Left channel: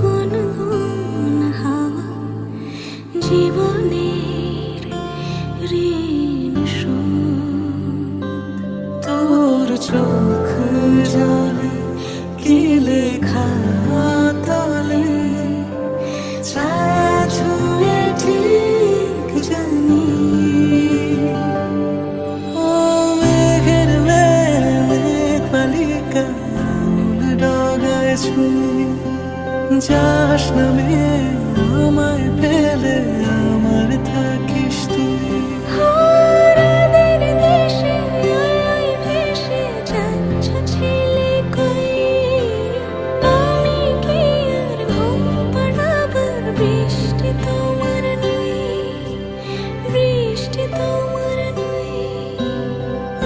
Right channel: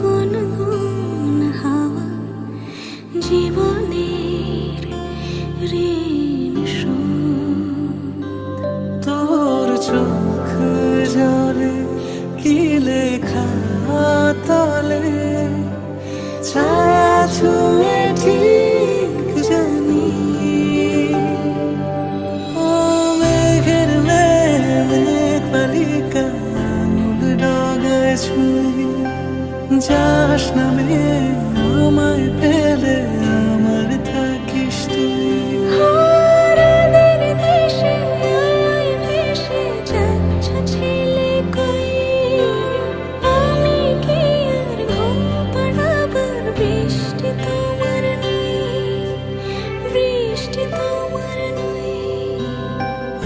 গুনগুন হাওয়া জীবনের ঋণ শোধ। তোর চোখ জলে কি লেখা তলে, ছায়া ছুঁয়ে ঠিক জানি। ও মেঘের মেঘ বালিকা আঙুল ডগায় ছুঁয়ে, যাস নামে আমায় পেলে আমার থাকিস তুই। হারাদের দেশে আলোয় ভেসে যাচ্ছ ছেলে কই, আমি কি আর ঘুম পাড়াবার বৃষ্টি তোমার নই, বৃষ্টি তোমার নই।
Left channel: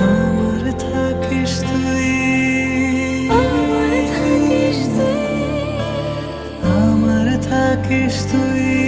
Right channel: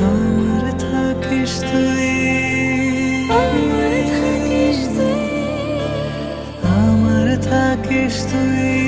আমার থাকিস তুই, আমার থাকিস তুই, আমার থাকিস তুই।